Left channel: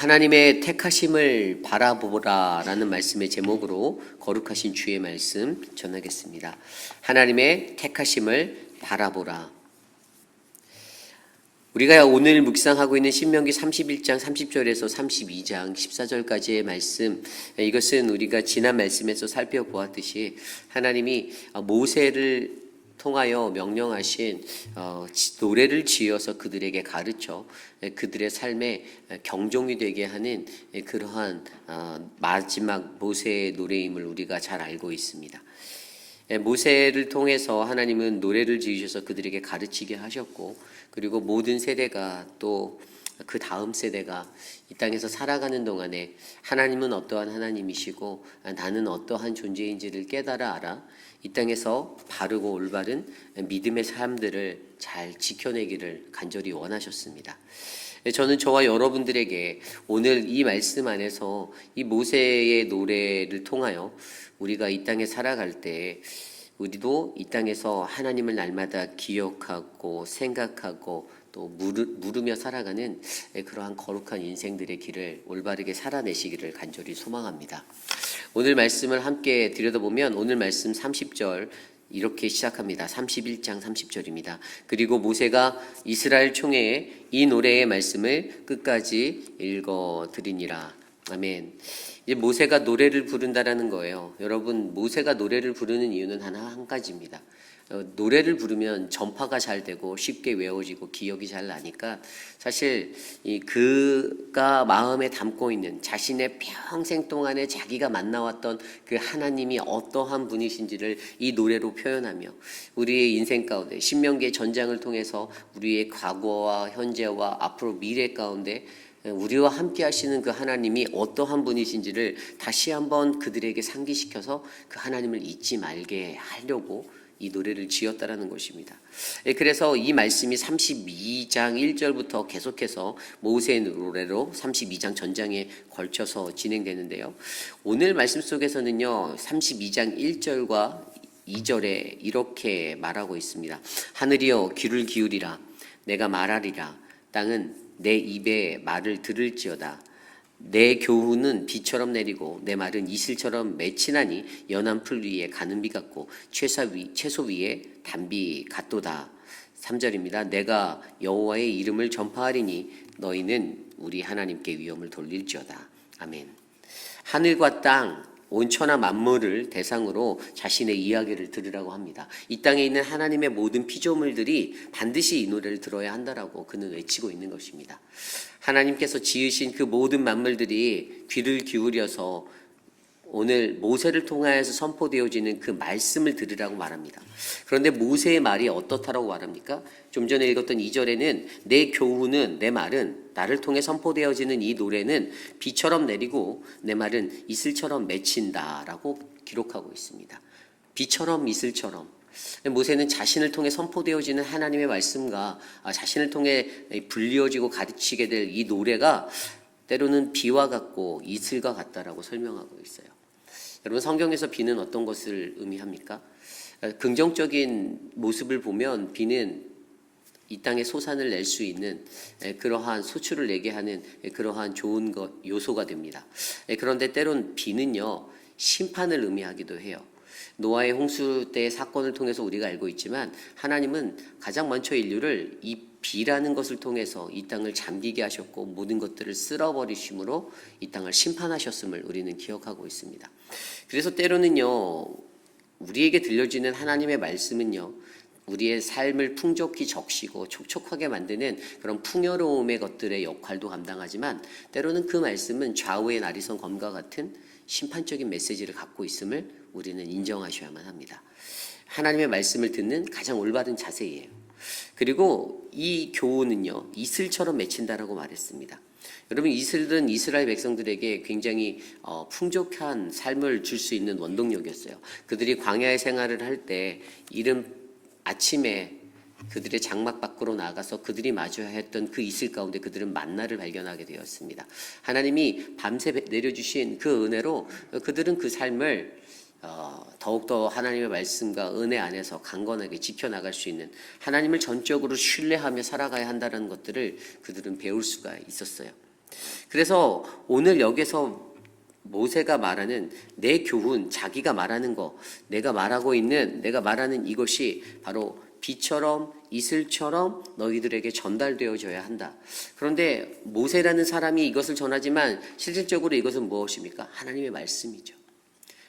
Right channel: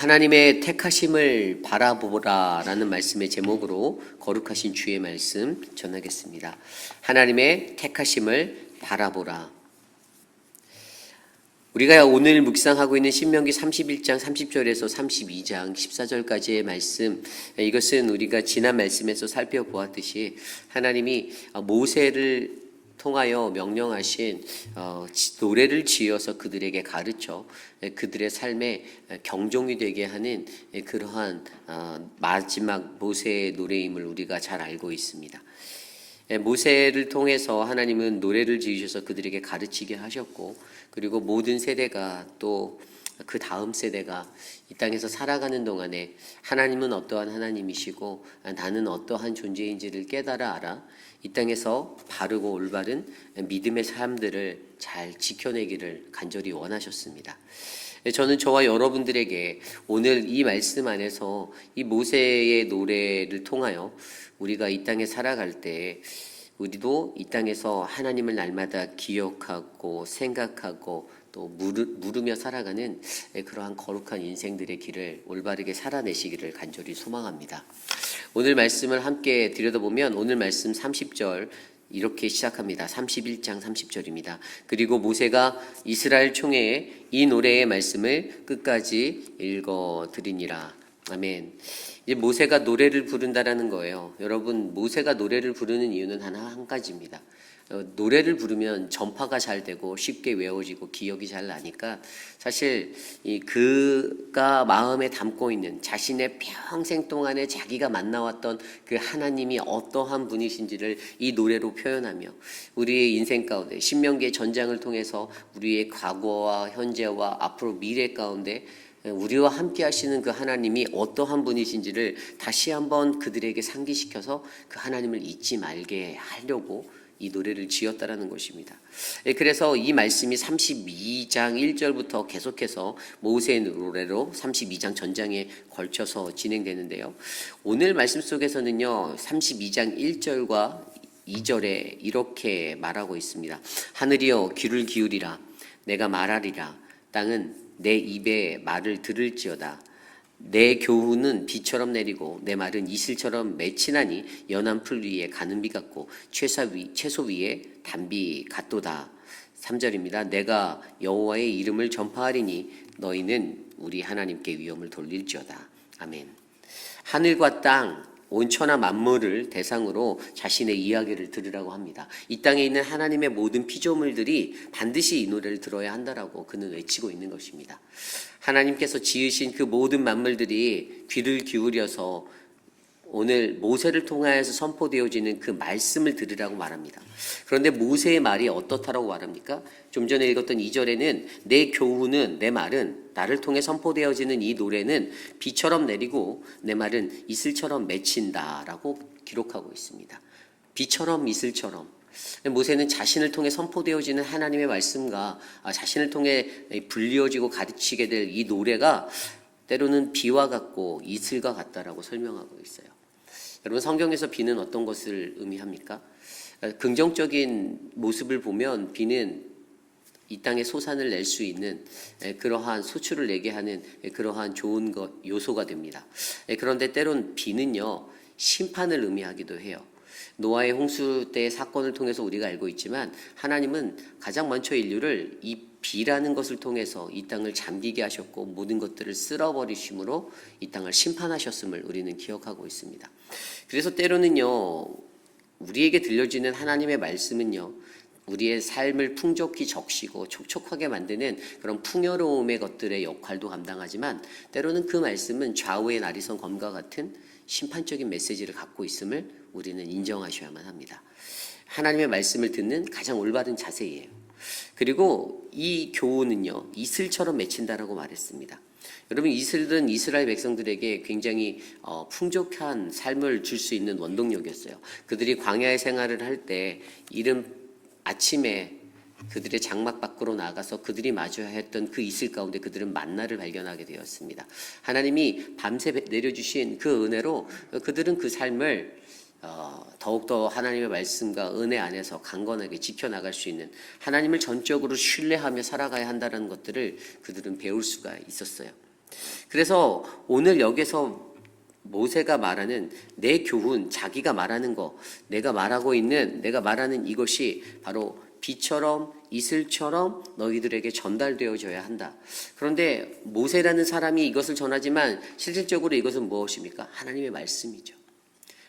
하나님의 택하심을 바라보라라는 말씀의 제목으로 거룩하신 주의 말씀 전하겠습니다. 하나님의 택하심을 바라보라. 우리가 오늘 묵상하고 있는 신명기 31장 30절에서 32장 14절까지의 말씀, 이것은 우리가 지난 말씀에서 살펴보았듯이 하나님이 모세를 통하여 명령하신 노래를 지어서 그들에게 가르쳐 그들의 삶에 경종이 되게 하는 그러한 마지막 모세의 노래임을 우리가 잘 알고 있습니다. 모세를 통해서 하나님은 노래를 지으셔서 그들에게 가르치게 하셨고, 그리고 모든 세대가 또 그 다음 세대가 이 땅에서 살아가는 동안에 하나님은 어떠한 하나님이시고 나는 어떠한 존재인지를 깨달아 알아 이 땅에서 바르고 올바른 믿음의 삶들을 잘 지켜내기를 간절히 원하셨습니다. 저는 저와 여러분들에게 오늘 이 말씀 안에서 이 모세의 노래를 통하여 우리가 이 땅에 살아갈 때 우리도 이 땅에서 하나님을 날마다 기억하고 생각하고 또 물으며 살아가는 그러한 거룩한 인생들의 길을 올바르게 살아내시기를 간절히 소망합니다. 오늘 말씀을 함께 들여다보면 오늘 말씀 30절 이렇게 시작합니다. 31장 30절입니다. 그리고 모세가 이스라엘 총회에 이 노래의 말씀을 끝까지 읽어드리니라. 아멘. 이제 모세가 노래를 부른다라는 거예요. 여러분, 모세가 노래를 부르는 이유는 한 가지입니다. 노래를 부르면 전파가 잘 되고 쉽게 외워지고 기억이 잘 나니까 사실 그가 마음에 담고 있는 자신의 평생 동안에 자기가 만나왔던 그 하나님이 어떠한 분이신지를 이 노래로 표현하며 우리의 인생 가운데 신명기의 전장을 통해서 우리의 과거와 현재와 앞으로 미래 가운데 우리와 함께 하시는 그 하나님이 어떠한 분이신지를 다시 한번 그들에게 상기시켜서 그 하나님을 잊지 말게 하려고 이 노래를 지었다라는 것입니다. 그래서 이 말씀이 32장 1절부터 계속해서 모세의 노래로 32장 전장에 걸쳐서 진행되는데요. 오늘 말씀 속에서는요, 32장 1절과 2절에 이렇게 말하고 있습니다. 하늘이여 귀를 기울이라. 내가 말하리라. 땅은 내 입의 말을 들을지어다. 내 교훈은 비처럼 내리고 내 말은 이슬처럼 맺히나니 연한 풀 위에 가는 비 같고 채소 위에 단비 같도다. 3절입니다. 내가 여호와의 이름을 전파하리니 너희는 우리 하나님께 위엄을 돌릴지어다. 아멘. 하늘과 땅 온 천하 만물을 대상으로 자신의 이야기를 들으라고 합니다. 이 땅에 있는 하나님의 모든 피조물들이 반드시 이 노래를 들어야 한다라고 그는 외치고 있는 것입니다. 하나님께서 지으신 그 모든 만물들이 귀를 기울여서 오늘 모세를 통하여서 선포되어지는 그 말씀을 들으라고 말합니다. 그런데 모세의 말이 어떻다라고 말합니까? 좀 전에 읽었던 2절에는 내 교훈은, 내 말은, 나를 통해 선포되어지는 이 노래는 비처럼 내리고 내 말은 이슬처럼 맺힌다라고 기록하고 있습니다. 비처럼 이슬처럼. 모세는 자신을 통해 선포되어지는 하나님의 말씀과 자신을 통해 불리어지고 가르치게 될 이 노래가 때로는 비와 같고 이슬과 같다라고 설명하고 있어요. 여러분, 성경에서 비는 어떤 것을 의미합니까? 긍정적인 모습을 보면 비는 이 땅에 소산을 낼 수 있는 그러한 소출을 내게 하는 그러한 좋은 요소가 됩니다. 그런데 때론 비는요, 심판을 의미하기도 해요. 노아의 홍수 때의 사건을 통해서 우리가 알고 있지만 하나님은 가장 먼저 인류를 이 비라는 것을 통해서 이 땅을 잠기게 하셨고 모든 것들을 쓸어버리심으로 이 땅을 심판하셨음을 우리는 기억하고 있습니다. 그래서 때로는요, 우리에게 들려지는 하나님의 말씀은요, 우리의 삶을 풍족히 적시고 촉촉하게 만드는 그런 풍요로움의 것들의 역할도 감당하지만 때로는 그 말씀은 좌우의 나리선 검과 같은 심판적인 메시지를 갖고 있음을 우리는 인정하셔야만 합니다. 하나님의 말씀을 듣는 가장 올바른 자세예요. 그리고 이 교훈은요, 이슬처럼 맺힌다라고 말했습니다. 여러분, 이슬은 이스라엘 백성들에게 굉장히 풍족한 삶을 줄 수 있는 원동력이었어요. 그들이 광야의 생활을 할 때 이른 아침에 그들의 장막 밖으로 나가서 그들이 마주해야 했던 그 이슬 가운데 그들은 만나를 발견하게 되었습니다. 하나님이 밤새 내려주신 그 은혜로 그들은 그 삶을 더욱더 하나님의 말씀과 은혜 안에서 강건하게 지켜나갈 수 있는, 하나님을 전적으로 신뢰하며 살아가야 한다는 것들을 그들은 배울 수가 있었어요. 그래서 오늘 여기서 모세가 말하는 내 교훈, 자기가 말하는 거, 내가 말하는 이것이 바로 비처럼 이슬처럼 너희들에게 전달되어져야 한다. 그런데 모세라는 사람이 이것을 전하지만 실질적으로 이것은 무엇입니까? 하나님의 말씀이죠.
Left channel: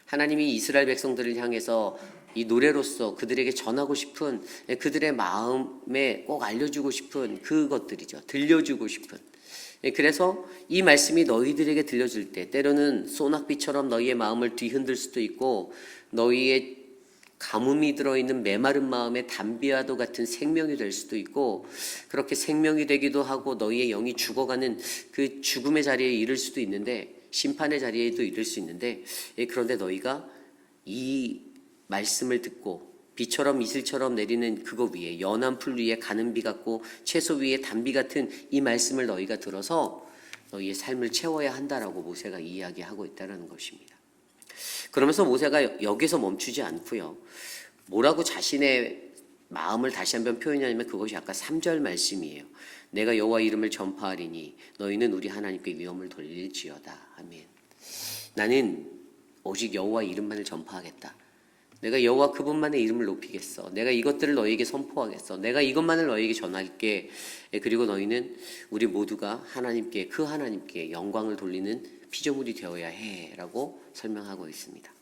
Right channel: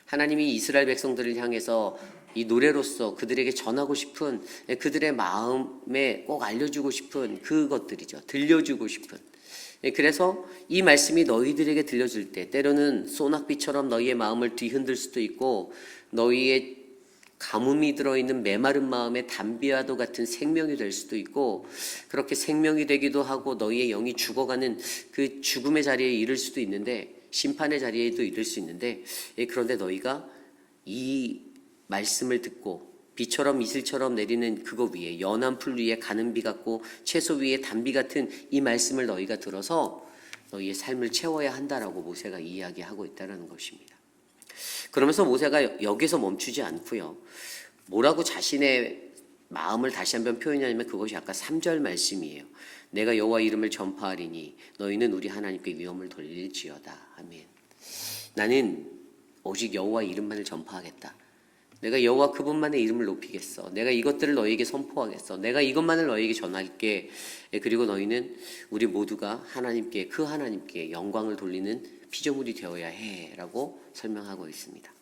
하나님이 이스라엘 백성들을 향해서 이 노래로서 그들에게 전하고 싶은, 그들의 마음에 꼭 알려주고 싶은 그것들이죠. 들려주고 싶은. 그래서 이 말씀이 너희들에게 들려질 때 때로는 소낙비처럼 너희의 마음을 뒤흔들 수도 있고, 너희의 가뭄이 들어있는 메마른 마음에 담비와도 같은 생명이 될 수도 있고, 그렇게 생명이 되기도 하고 너희의 영이 죽어가는 그 죽음의 자리에 이를 수도 있는데, 심판의 자리에도 이를 수 있는데, 그런데 너희가 이 말씀을 듣고 비처럼 이슬처럼 내리는 그거 위에, 연한 풀 위에 가는 비 같고 채소 위에 단비 같은 이 말씀을 너희가 들어서 너희의 삶을 채워야 한다라고 모세가 이야기하고 있다는 것입니다. 그러면서 모세가 여기서 멈추지 않고요, 뭐라고 자신의 마음을 다시 한번 표현하냐면 그것이 아까 3절 말씀이에요. 내가 여호와 이름을 전파하리니 너희는 우리 하나님께 위엄을 돌릴지어다. 아멘. 나는 오직 여호와 이름만을 전파하겠다. 내가 여호와 그분만의 이름을 높이겠어. 내가 이것들을 너희에게 선포하겠어. 내가 이것만을 너희에게 전할게. 그리고 너희는 우리 모두가 하나님께, 그 하나님께 영광을 돌리는 피조물이 되어야 해 라고 설명하고 있습니다.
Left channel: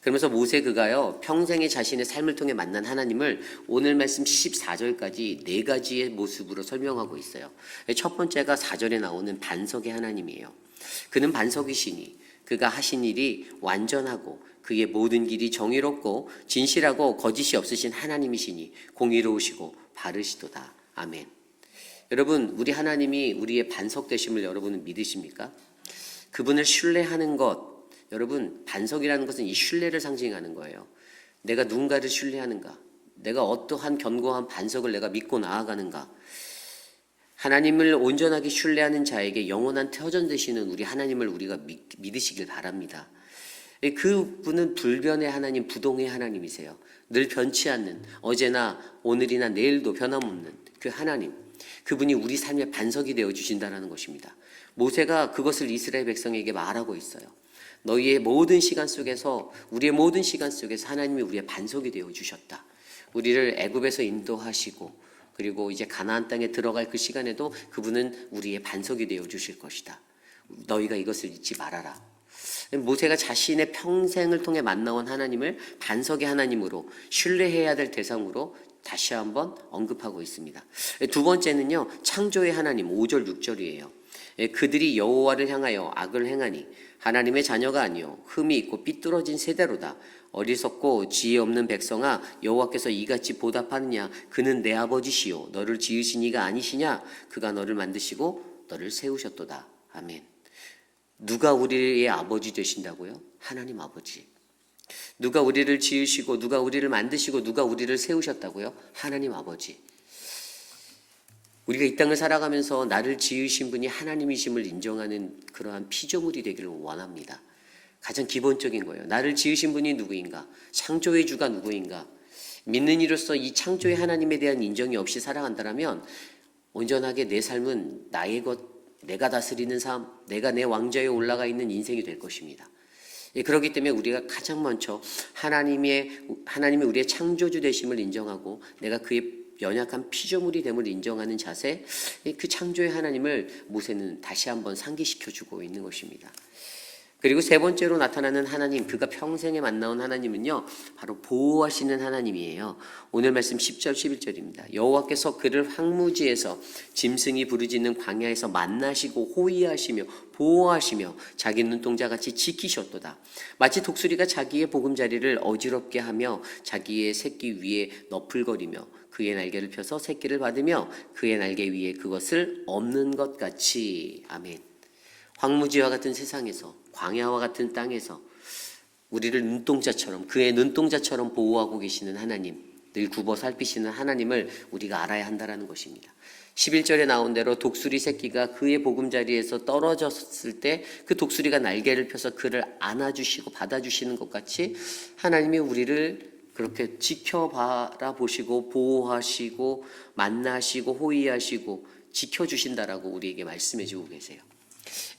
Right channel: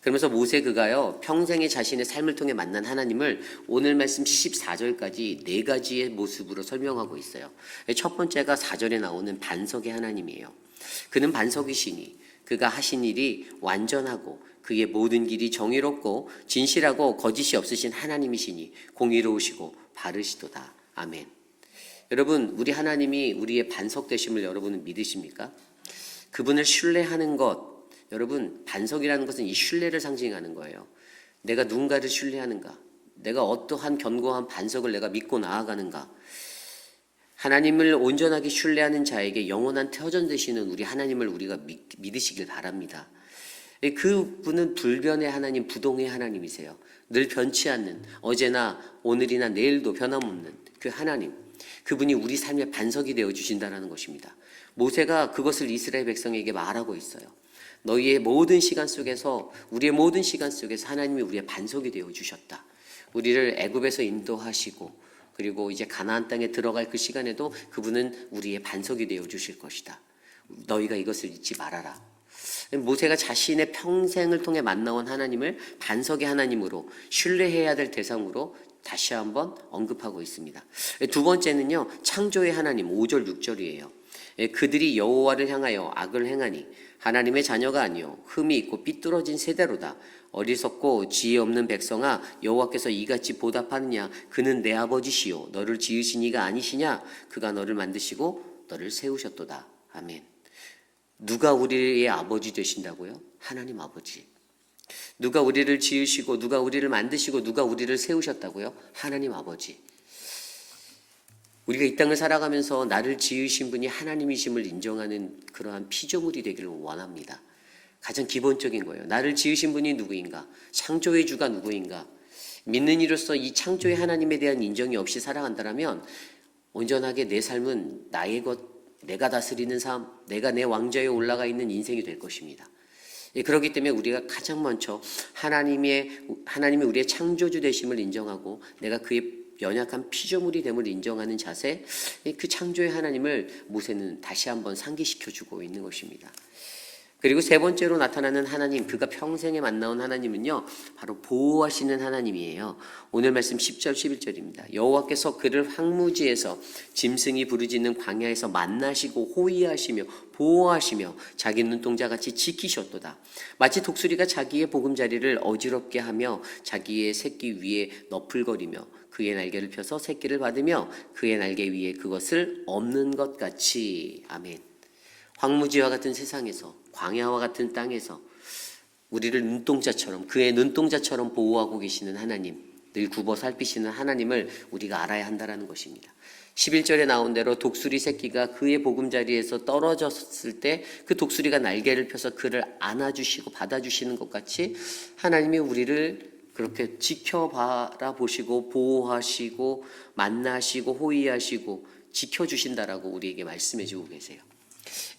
그러면서 모세 그가요, 평생에 자신의 삶을 통해 만난 하나님을 오늘 말씀 14절까지 네 가지의 모습으로 설명하고 있어요. 첫 번째가 4절에 나오는 반석의 하나님이에요. 그는 반석이시니 그가 하신 일이 완전하고 그의 모든 길이 정의롭고 진실하고 거짓이 없으신 하나님이시니 공의로우시고 바르시도다. 아멘. 여러분, 우리 하나님이 우리의 반석 되심을 여러분은 믿으십니까? 그분을 신뢰하는 것, 여러분, 반석이라는 것은 이 신뢰를 상징하는 거예요. 내가 누군가를 신뢰하는가? 내가 어떠한 견고한 반석을 내가 믿고 나아가는가? 하나님을 온전하게 신뢰하는 자에게 영원한 터전 되시는 우리 하나님을 우리가 믿으시길 바랍니다. 그분은 불변의 하나님, 부동의 하나님이세요. 늘 변치 않는, 어제나 오늘이나 내일도 변함없는 그 하나님, 그분이 우리 삶의 반석이 되어 주신다는 것입니다. 모세가 그것을 이스라엘 백성에게 말하고 있어요. 너희의 모든 시간 속에서, 우리의 모든 시간 속에서 하나님이 우리의 반석이 되어 주셨다. 우리를 애굽에서 인도하시고 그리고 이제 가나안 땅에 들어갈 그 시간에도 그분은 우리의 반석이 되어 주실 것이다. 너희가 이것을 잊지 말아라. 모세가 자신의 평생을 통해 만나온 하나님을 반석의 하나님으로, 신뢰해야 될 대상으로 다시 한번 언급하고 있습니다. 두 번째는요, 창조의 하나님, 5절 6절이에요. 그들이 여호와를 향하여 악을 행하니 하나님의 자녀가 아니요 흠이 있고 삐뚤어진 세대로다. 어리석고 지혜 없는 백성아, 여호와께서 이같이 보답하느냐? 그는 내 아버지시요 너를 지으신 이가 아니시냐? 그가 너를 만드시고 너를 세우셨도다. 아멘. 누가 우리의 아버지 되신다고요? 하나님 아버지. 누가 우리를 지으시고 누가 우리를 만드시고 누가 우리를 세우셨다고요? 하나님 아버지. 우리가 이 땅을 살아가면서 나를 지으신 분이 하나님이심을 인정하는 그러한 피조물이 되기를 원합니다. 가장 기본적인 거예요. 나를 지으신 분이 누구인가? 창조의 주가 누구인가? 믿는 이로써 이 창조의 하나님에 대한 인정이 없이 살아간다면 온전하게 내 삶은 나의 것, 내가 다스리는 삶, 내가 내 왕좌에 올라가 있는 인생이 될 것입니다. 그렇기 때문에 우리가 가장 먼저 하나님이 우리의 창조주 되심을 인정하고 내가 그의 연약한 피조물이 됨을 인정하는 자세, 그 창조의 하나님을 모세는 다시 한번 상기시켜주고 있는 것입니다. 그리고 세 번째로 나타나는 하나님, 그가 평생에 만나온 하나님은요, 바로 보호하시는 하나님이에요. 오늘 말씀 10절 11절입니다. 여호와께서 그를 황무지에서 짐승이 부르짖는 광야에서 만나시고 호위하시며 보호하시며 자기 눈동자같이 지키셨도다. 마치 독수리가 자기의 보금자리를 어지럽게 하며 자기의 새끼 위에 너풀거리며 그의 날개를 펴서 새끼를 받으며 그의 날개 위에 그것을 없는 것 같이. 아멘. 황무지와 같은 세상에서, 광야와 같은 땅에서 우리를 눈동자처럼, 그의 눈동자처럼 보호하고 계시는 하나님, 늘 굽어 살피시는 하나님을 우리가 알아야 한다는 것입니다. 11절에 나온 대로 독수리 새끼가 그의 보금자리에서 떨어졌을 때 그 독수리가 날개를 펴서 그를 안아주시고 받아주시는 것 같이 하나님이 우리를 그렇게 지켜바라보시고 보호하시고 만나시고 호위하시고 지켜주신다라고 우리에게 말씀해주고 계세요.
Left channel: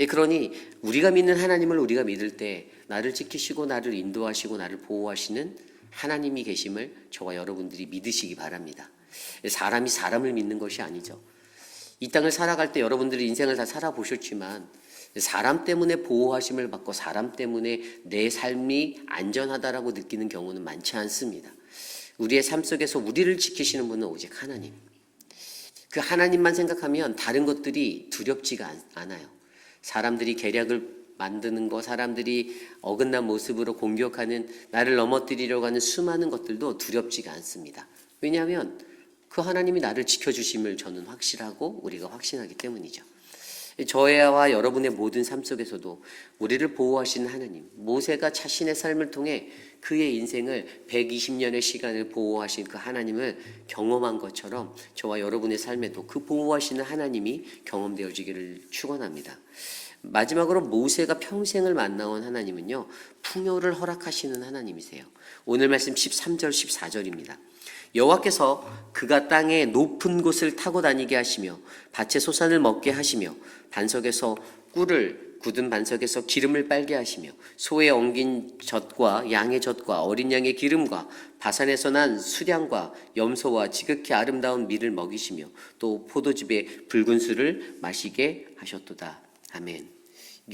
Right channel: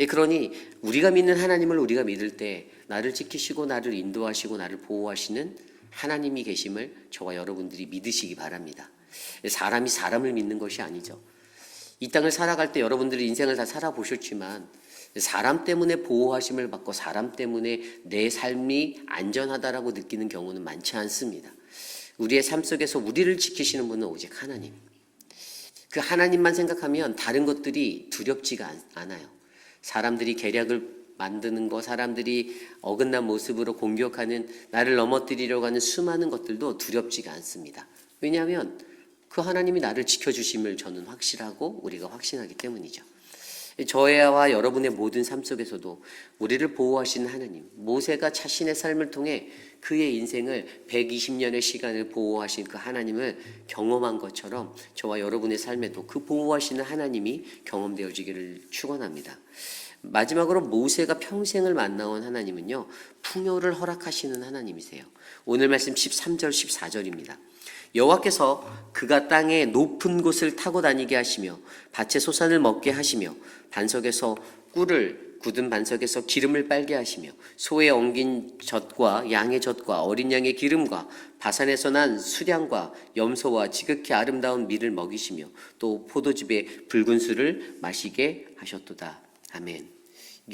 그러니 우리가 믿는 하나님을 우리가 믿을 때 나를 지키시고 나를 인도하시고 나를 보호하시는 하나님이 계심을 저와 여러분들이 믿으시기 바랍니다. 사람이 사람을 믿는 것이 아니죠. 이 땅을 살아갈 때 여러분들이 인생을 다 살아보셨지만 사람 때문에 보호하심을 받고 사람 때문에 내 삶이 안전하다라고 느끼는 경우는 많지 않습니다. 우리의 삶 속에서 우리를 지키시는 분은 오직 하나님. 그 하나님만 생각하면 다른 것들이 두렵지가 않아요. 사람들이 계략을 만드는 거, 사람들이 어긋난 모습으로 공격하는, 나를 넘어뜨리려고 하는 수많은 것들도 두렵지가 않습니다. 왜냐하면 그 하나님이 나를 지켜주심을 저는 확실하고 우리가 확신하기 때문이죠. 저와 여러분의 모든 삶 속에서도 우리를 보호하시는 하나님, 모세가 자신의 삶을 통해 그의 인생을 120년의 시간을 보호하신 그 하나님을 경험한 것처럼 저와 여러분의 삶에도 그 보호하시는 하나님이 경험되어지기를 축원합니다. 마지막으로 모세가 평생을 만나온 하나님은요, 풍요를 허락하시는 하나님이세요. 오늘 말씀 13절 14절입니다. 여호와께서 그가 땅의 높은 곳을 타고 다니게 하시며 밭의 소산을 먹게 하시며 반석에서 꿀을 굳은 반석에서 기름을 빨게 하시며 소의 엉긴 젖과 양의 젖과 어린 양의 기름과 바산에서 난 수량과 염소와 지극히 아름다운 밀을 먹이시며 또 포도즙의 붉은 술을 마시게 하셨도다. 아멘.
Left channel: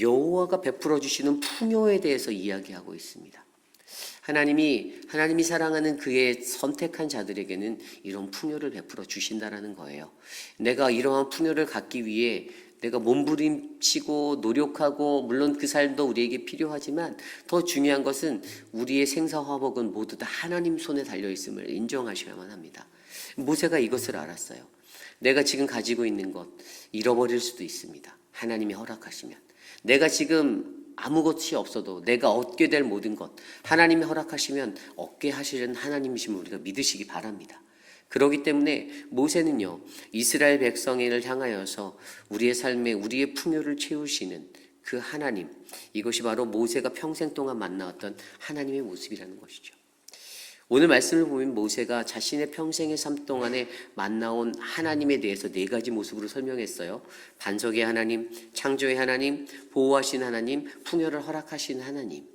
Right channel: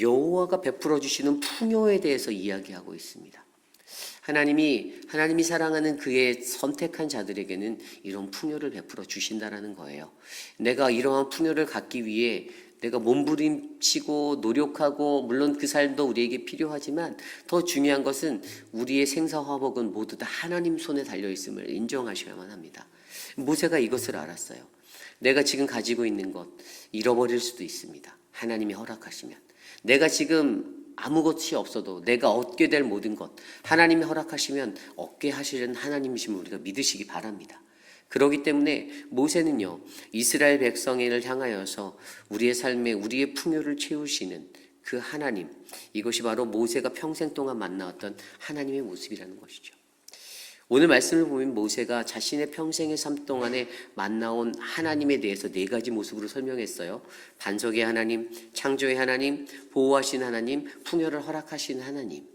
여호와가 베풀어 주시는 풍요에 대해서 이야기하고 있습니다. 하나님이 사랑하는 그의 선택한 자들에게는 이런 풍요를 베풀어 주신다라는 거예요. 내가 이러한 풍요를 갖기 위해 내가 몸부림치고 노력하고, 물론 그 삶도 우리에게 필요하지만 더 중요한 것은 우리의 생사화복은 모두 다 하나님 손에 달려있음을 인정하셔야만 합니다. 모세가 이것을 알았어요. 내가 지금 가지고 있는 것 잃어버릴 수도 있습니다. 하나님이 허락하시면. 내가 지금 아무것이 없어도 내가 얻게 될 모든 것 하나님이 허락하시면 얻게 하시는 하나님이심을 우리가 믿으시기 바랍니다. 그렇기 때문에 모세는요, 이스라엘 백성을 향하여서 우리의 삶에 우리의 풍요를 채우시는 그 하나님, 이것이 바로 모세가 평생 동안 만나왔던 하나님의 모습이라는 것이죠. 오늘 말씀을 보면 모세가 자신의 평생의 삶 동안에 만나온 하나님에 대해서 4가지 모습으로 설명했어요. 반석의 하나님, 창조의 하나님, 보호하신 하나님, 풍요를 허락하신 하나님.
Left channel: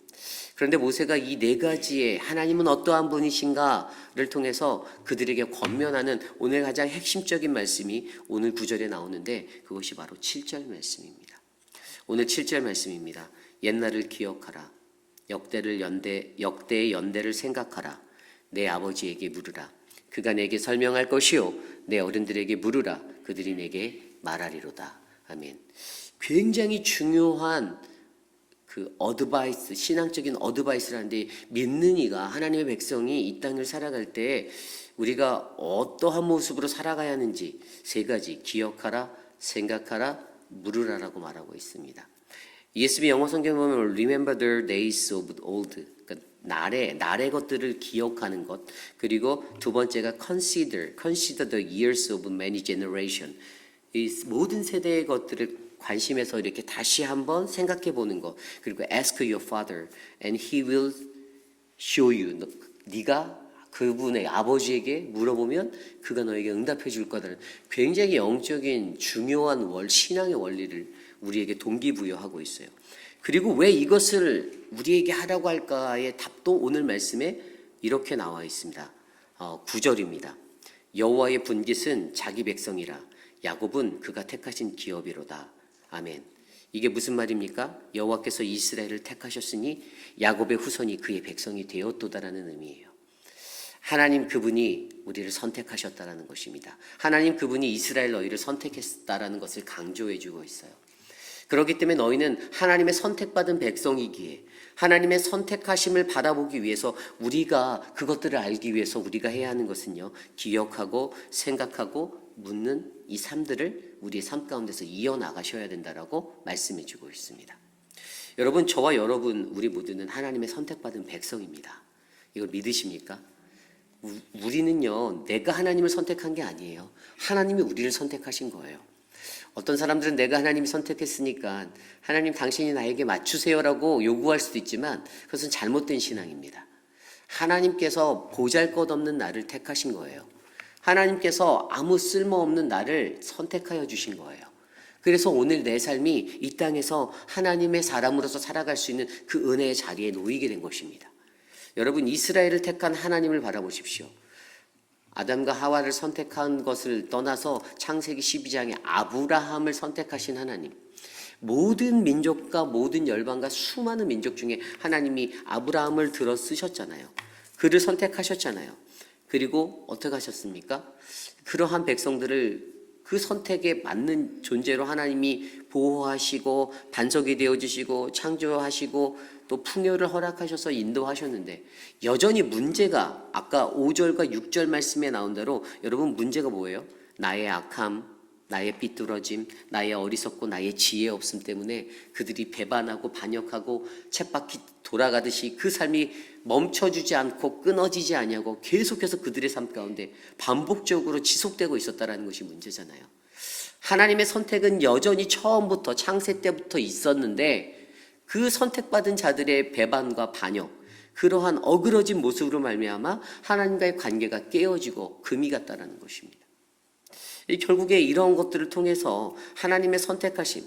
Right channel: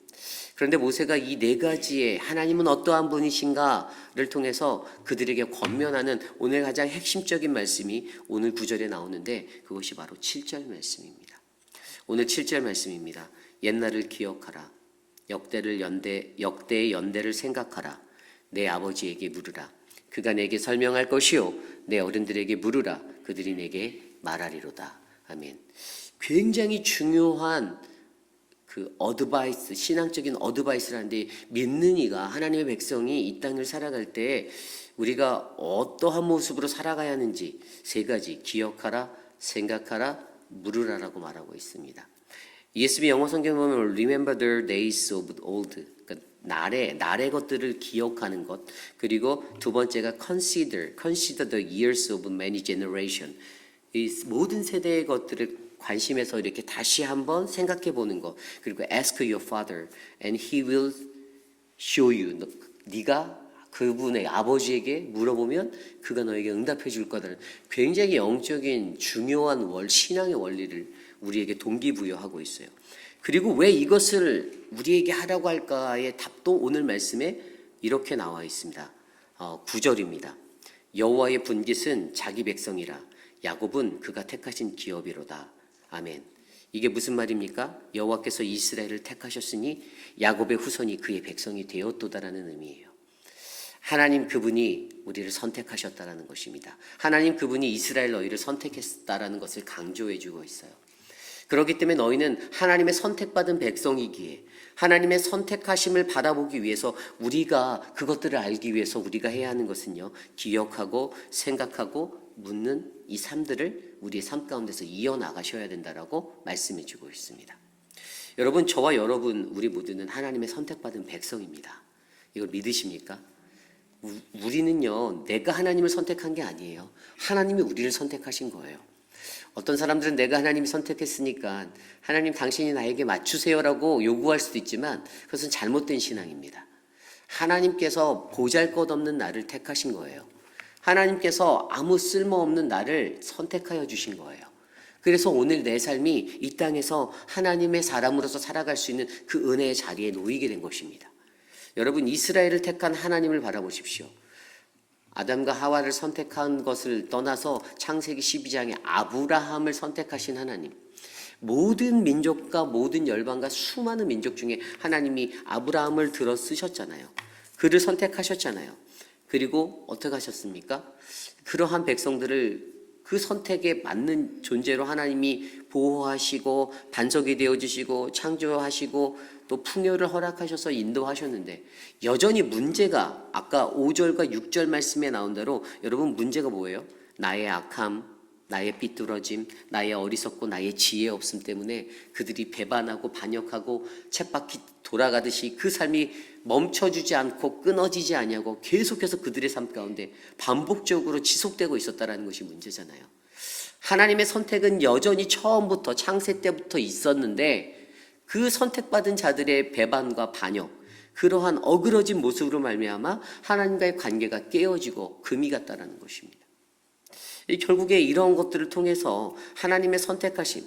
그런데 모세가 이 4가지의 하나님은 어떠한 분이신가를 통해서 그들에게 권면하는 오늘 가장 핵심적인 말씀이 오늘 9절에 나오는데 그것이 바로 7절 말씀입니다. 오늘 7절 말씀입니다. 옛날을 기억하라. 역대의 연대를 생각하라. 내 아버지에게 물으라. 그가 내게 설명할 것이요. 내 어른들에게 물으라. 그들이 내게 말하리로다. 아멘. 굉장히 중요한 그 어드바이스, 신앙적인 어드바이스라는데, 믿는 이가, 하나님의 백성이 이 땅을 살아갈 때 우리가 어떠한 모습으로 살아가야 하는지 3가지, 기억하라, 생각하라, 물으라라고 말하고 있습니다. ESV 영어 성경에 보면 Remember the days of old, 그러니까 날의 것들을 기억하는 것, 그리고 2번째가 Consider the years of many generation, 이 모든 세대의 것들을 관심에서 이렇게 다시 한번 생각해 보는 것, 그리고 Ask your father and he will show you, 네가 그분의 아버지에게 물어보면 그가 너에게 응답해 줄 거다. 굉장히 영적인 중요한 신앙의 원리를 우리에게 동기부여하고 있어요. 그리고 왜 이것을 우리에게 하라고 할까의 답도 오늘 말씀에 이렇게 나와 있습니다. 9절입니다. 여호와의 분깃은 자기 백성이라 야곱은 그가 택하신 기업이로다. 아멘. 이게 무슨 말입니까? 여호와께서 이스라엘을 택하셨으니 야곱의 후손이 그의 백성이 되었도다라는 의미예요. 하나님 그분이 우리를 선택하셨다라는 것입니다. 하나님 그분이 이스라엘 너희를 선택했다라는 것을 강조해 주고 있어요. 그렇기 때문에 너희는 하나님의 선택받은 백성이기에 하나님의 선택하심을 바라보기 위해서, 우리가 그것들을 알기 위해서 우리가 해야 하는 것은요, 기억하고 생각하고 묻는 이 삶들을 우리의 삶 가운데서 이어나가셔야 된다라고 말씀해 주고 있습니다. 여러분, 저와 여러분 우리 모두는 하나님의 선택받은 백성입니다. 이걸 믿으십니까? 우리는요, 내가 하나님을 선택한 게 아니에요. 하나님이 우리를 선택하신 거예요. 어떤 사람들은 내가 하나님이 선택했으니까 하나님 당신이 나에게 맞추세요라고 요구할 수도 있지만 그것은 잘못된 신앙입니다. 하나님께서 보잘것없는 나를 택하신 거예요. 하나님께서 아무 쓸모없는 나를 선택하여 주신 거예요. 그래서 오늘 내 삶이 이 땅에서 하나님의 사람으로서 살아갈 수 있는 그 은혜의 자리에 놓이게 된 것입니다. 여러분, 이스라엘을 택한 하나님을 바라보십시오. 아담과 하와를 선택한 것을 떠나서 창세기 12장에 아브라함을 선택하신 하나님, 모든 민족과 모든 열방과 수많은 민족 중에 하나님이 아브라함을 들어 쓰셨잖아요. 그를 선택하셨잖아요. 그리고 어떻게 하셨습니까? 그러한 백성들을 그 선택에 맞는 존재로 하나님이 보호하시고 반석이 되어주시고 창조하시고 또 풍요를 허락하셔서 인도하셨는데, 여전히 문제가 아까 5절과 6절 말씀에 나온 대로 여러분, 문제가 뭐예요? 나의 악함, 나의 삐뚤어짐, 나의 어리석고 나의 지혜 없음 때문에 그들이 배반하고 반역하고 쳇바퀴 돌아가듯이 그 삶이 멈춰주지 않고 끊어지지 아니하고 계속해서 그들의 삶 가운데 반복적으로 지속되고 있었다는 것이 문제잖아요. 하나님의 선택은 여전히 처음부터 창세 때부터 있었는데, 그 선택받은 자들의 배반과 반역, 그러한 어그러진 모습으로 말미암아 하나님과의 관계가 깨어지고 금이 갔다는 것입니다. 결국에 이런 것들을 통해서 하나님의 선택하심,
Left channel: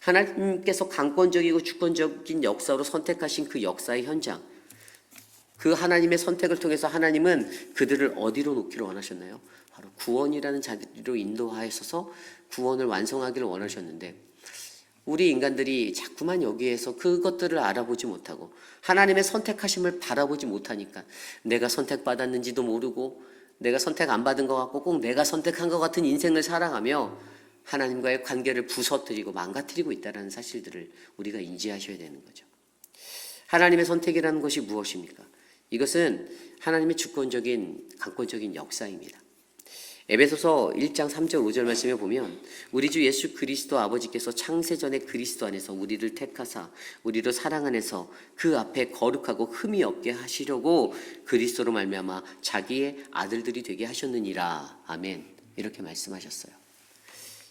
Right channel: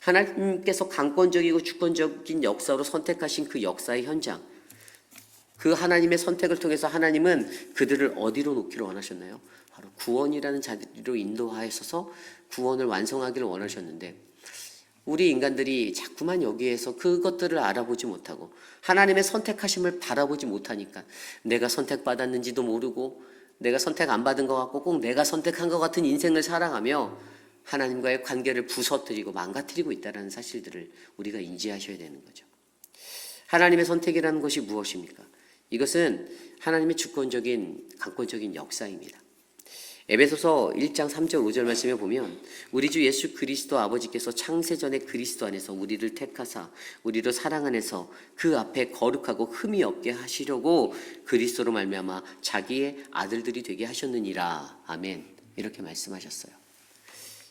하나님께서 강권적이고 주권적인 역사로 선택하신 그 역사의 현장, 그 하나님의 선택을 통해서 하나님은 그들을 어디로 놓기를 원하셨나요? 바로 구원이라는 자리로 인도하셔서 구원을 완성하기를 원하셨는데, 우리 인간들이 자꾸만 여기에서 그것들을 알아보지 못하고 하나님의 선택하심을 바라보지 못하니까 내가 선택받았는지도 모르고 내가 선택 안 받은 것 같고 꼭 내가 선택한 것 같은 인생을 살아가며 하나님과의 관계를 부서뜨리고 망가뜨리고 있다는 사실들을 우리가 인지하셔야 되는 거죠. 하나님의 선택이라는 것이 무엇입니까? 이것은 하나님의 주권적인 강권적인 역사입니다. 에베소서 1장 3절 5절 말씀에 보면 우리 주 예수 그리스도 아버지께서 창세전에 그리스도 안에서 우리를 택하사 우리를 사랑 안에서 그 앞에 거룩하고 흠이 없게 하시려고 그리스도로 말미암아 자기의 아들들이 되게 하셨느니라. 아멘. 이렇게 말씀하셨어요.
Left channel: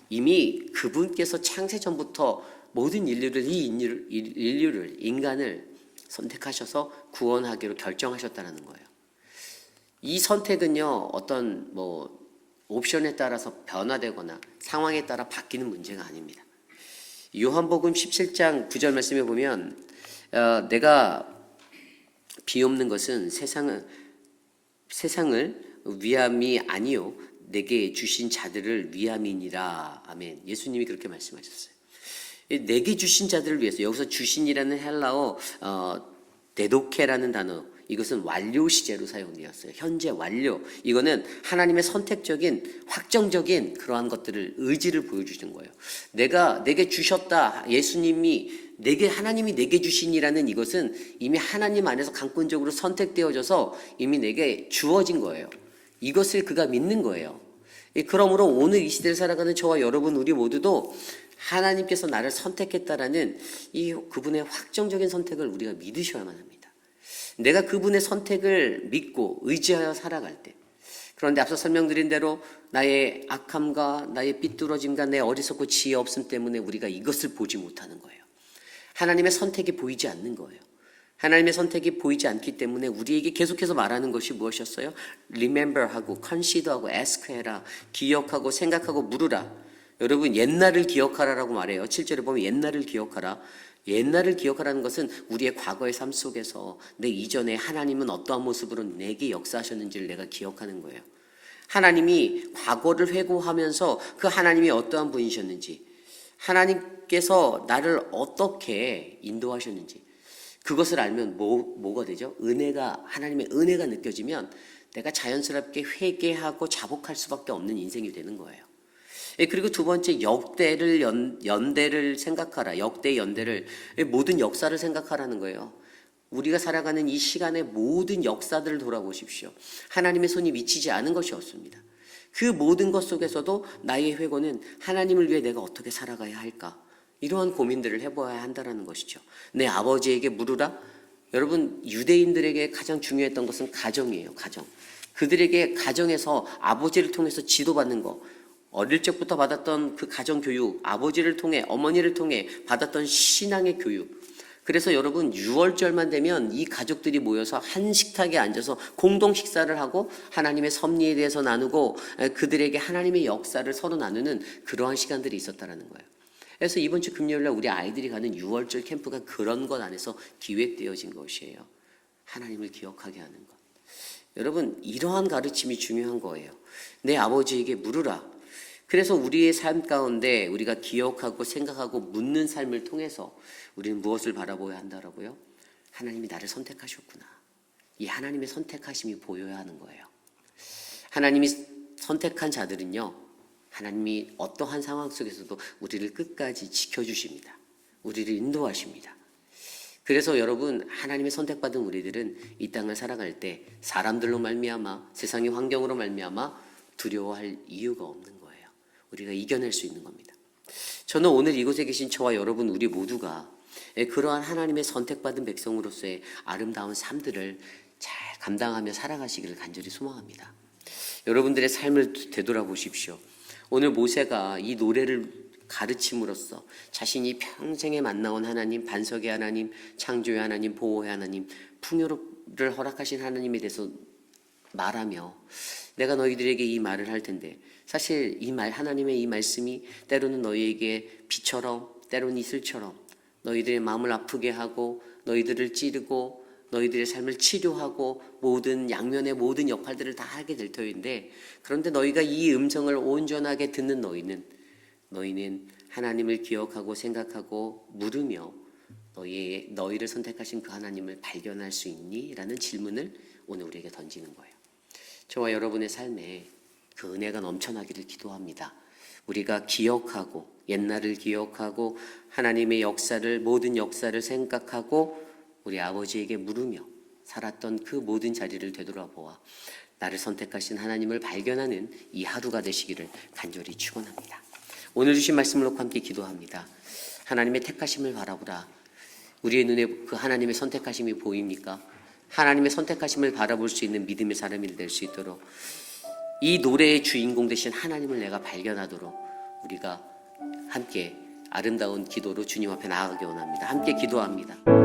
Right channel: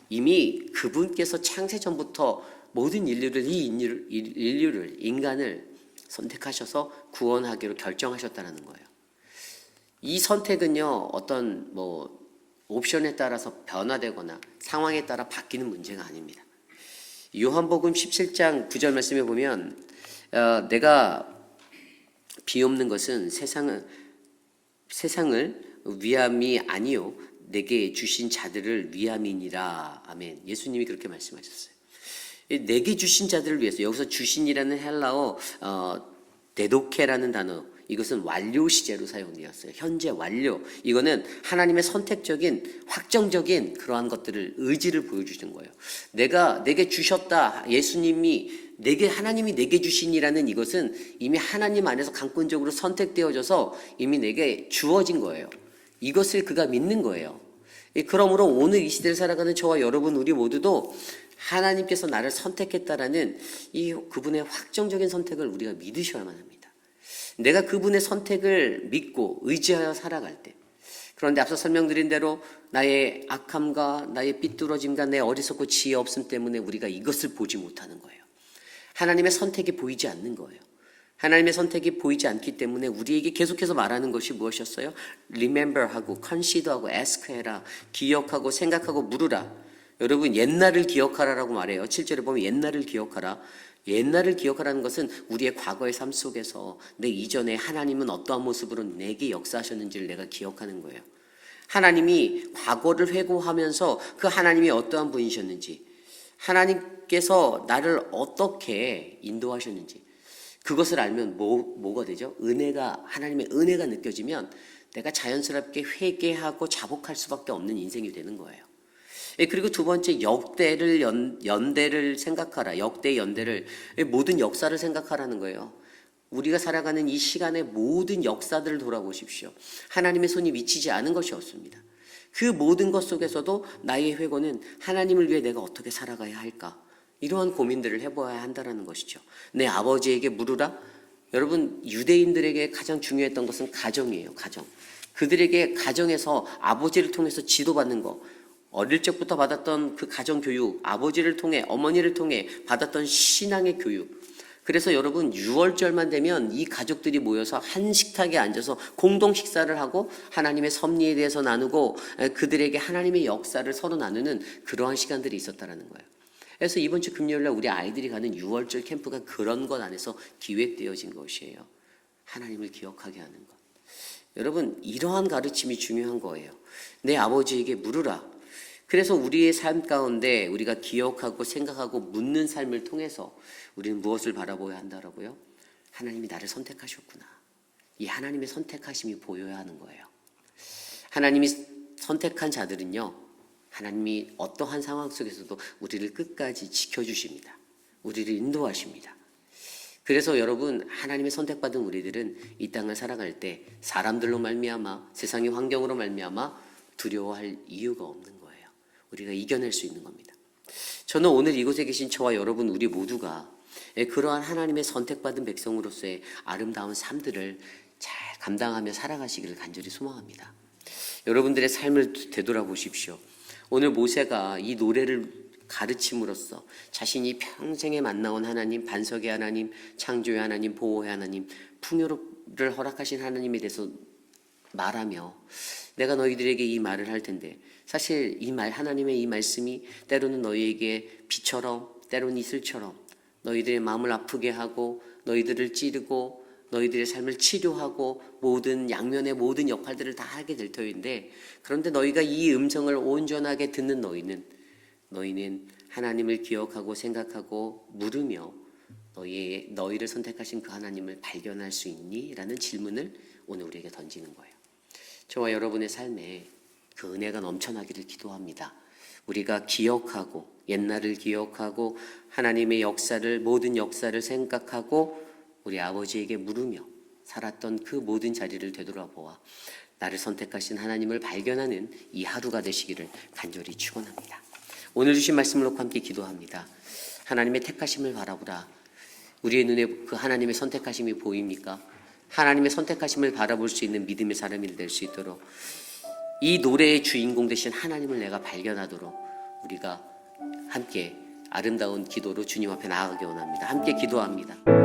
이미 그분께서 창세전부터 모든 인간을 선택하셔서 구원하기로 결정하셨다는 거예요. 이 선택은요, 어떤 옵션에 따라서 변화되거나 상황에 따라 바뀌는 문제가 아닙니다. 요한복음 17장 9절 말씀에 보면 내가 비옵는 것은 세상을 위함이 아니요 내게 주신 자들을 위함이니라. 아멘. 예수님이 그렇게 말씀하셨어요. 내게 주신 자들을 위해서, 여기서 주신이라는 헬라어 데도케라는 단어, 이것은 완료 시제로 사용되었어요. 현재 완료. 이거는 하나님의 선택적인 확정적인 그러한 것들을 의지를 보여주시는 거예요. 내게 주셨다. 예수님이 하나님이 내게 주신이라는 이것은 이미 하나님 안에서 강권적으로 선택되어져서 이미 내게 주어진 거예요. 이것을 그가 믿는 거예요. 그러므로 오늘 이 시대를 살아가는 저와 여러분 우리 모두도 하나님께서 나를 선택했다라는 이 그분의 확정적인 선택을 우리가 믿으셔야만 합니다. 내가 그분의 선택을 믿고 의지하여 살아갈 때, 그런데 앞서 설명드린 대로 나의 악함과 나의 삐뚤어짐과 내 어리석고 지혜 없음 때문에 우리가 이것을 보지 못하는 거예요. 하나님의 선택이 보이지 않는 거예요. 하나님의 선택이 보이지 않기 때문에 우리에게 계속해서 말하는 것이 무엇이었어요? Remember하고 Consider하고 Ask해라, 기억하고 생각하고 물으라. 여러분, 옛날을 기억하라라고 말해요. 7절에 보면 옛날을 기억하라. 옛날을 기억하라는 것은 우리의 과거의 삶 속에서 내 이전에 하나님은 어떠한 모습으로 내게 역사하셨는지를 내가 기억하는 거예요. 하나님이 과거를 회고하면서 그 하나님이 어떠한 분이셨는지, 하나님께서 나를 어떻게 인도하셨는지, 그것을 알면 뭐가 되죠? 하나님의 은혜가 느껴지면 내가 자연스럽게 회개하고 자복할 수밖에 없는 인생이 되는 거예요. 그리고 두 번째, 연대를 생각하라. 역대 연대를, 모든 역사를 생각하라는 거예요. 우리가 살아가는 이 시간의 모든 역사들을 돌아보십시오. 하나님의 손이 미치지 않은 것이 없습니다. 그 모든 것 속에서도 나의 회고는 하나님을 위해 내가 어떻게 살아가야 할까? 이러한 고민들을 해봐야 한다는 것이죠. 내 아버지에게 물으라. 여러분, 유대인들에게 가장 중요했던 것은 가정이에요. 가정. 그들에게 가정에서 아버지를 통해서 지도받는 것, 어릴 적부터 받았던 그 가정교육, 아버지를 통해, 어머니를 통해 받았던 신앙의 교육, 그래서 여러분 6월절만 되면 이 가족들이 모여서 한 식탁에 앉아서 공동 식사를 하고 하나님의 섭리에 대해서 나누고 그들에게 하나님의 역사를 서로 나누는 그러한 시간들이 있었다라는 거예요. 그래서 이번 주 금요일날 우리 아이들이 가는 6월절 캠프가 그런 것 안에서 기획되어진 것이에요. 하나님을 기억하게 하는 것. 여러분 이러한 가르침이 중요한 거예요. 내 아버지에게 물으라. 그래서 우리의 삶 가운데 우리가 기억하고 생각하고 묻는 삶을 통해서 우리는 무엇을 바라보아야 한다라고요? 하나님이 나를 선택하셨구나. 이 하나님의 선택하심이 보여야 하는 거예요. 하나님이 선택한 자들은요, 하나님이 어떠한 상황 속에서도 우리를 끝까지 지켜주십니다. 우리를 인도하십니다. 그래서 여러분 하나님의 선택받은 우리들은 이 땅을 살아갈 때 사람들로 말미암아 세상의 환경으로 말미암아 두려워할 이유가 없는 거예요. 우리가 이겨낼 수 있는 겁니다. 저는 오늘 이곳에 계신 저와 여러분 우리 모두가 그러한 하나님의 선택받은 백성으로서의 아름다운 삶들을 잘 감당하며 살아가시기를 간절히 소망합니다. 여러분들의 삶을 되돌아보십시오. 오늘 모세가 이 노래를 가르침으로써 자신이 평생에 만나온 하나님, 반석의 하나님, 창조의 하나님, 보호의 하나님, 풍요를 허락하신 하나님에 대해서 말하며 내가 너희들에게 이 말을 할 텐데 사실 이 말, 하나님의 이 말씀이 때로는 너희에게 비처럼 때로는 이슬처럼 너희들의 마음을 아프게 하고 너희들을 찌르고 너희들의 삶을 치료하고 모든 양면의 모든 역할들을 다 하게 될 터인데 그런데 너희가 이 음성을 온전하게 듣는 너희는 하나님을 기억하고 생각하고 물으며 너희를 선택하신 그 하나님을 발견할 수 있니? 라는 질문을 오늘 우리에게 던지는 거예요. 저와 여러분의 삶에 그 은혜가 넘쳐나기를 기도합니다. 우리가 기억하고 옛날을 기억하고 하나님의 역사를 모든 역사를 생각하고 우리 아버지에게 물으며 살았던 그 모든 자리를 되돌아보아 나를 선택하신 하나님을 발견하는 이 하루가 되시기를 간절히 축원합니다. 오늘 주신 말씀을 놓고 함께 기도합니다. 하나님의 택하심을 바라보라. 우리의 눈에 그 하나님의 선택하심이 보입니까? 하나님의 선택하심을 바라볼 수 있는 믿음의 사람이 될 수 있도록 이 노래의 주인공 되신 하나님을 내가 발견하도록 우리가 함께 아름다운 기도로 주님 앞에 나아가기 원합니다. 함께 기도합니다.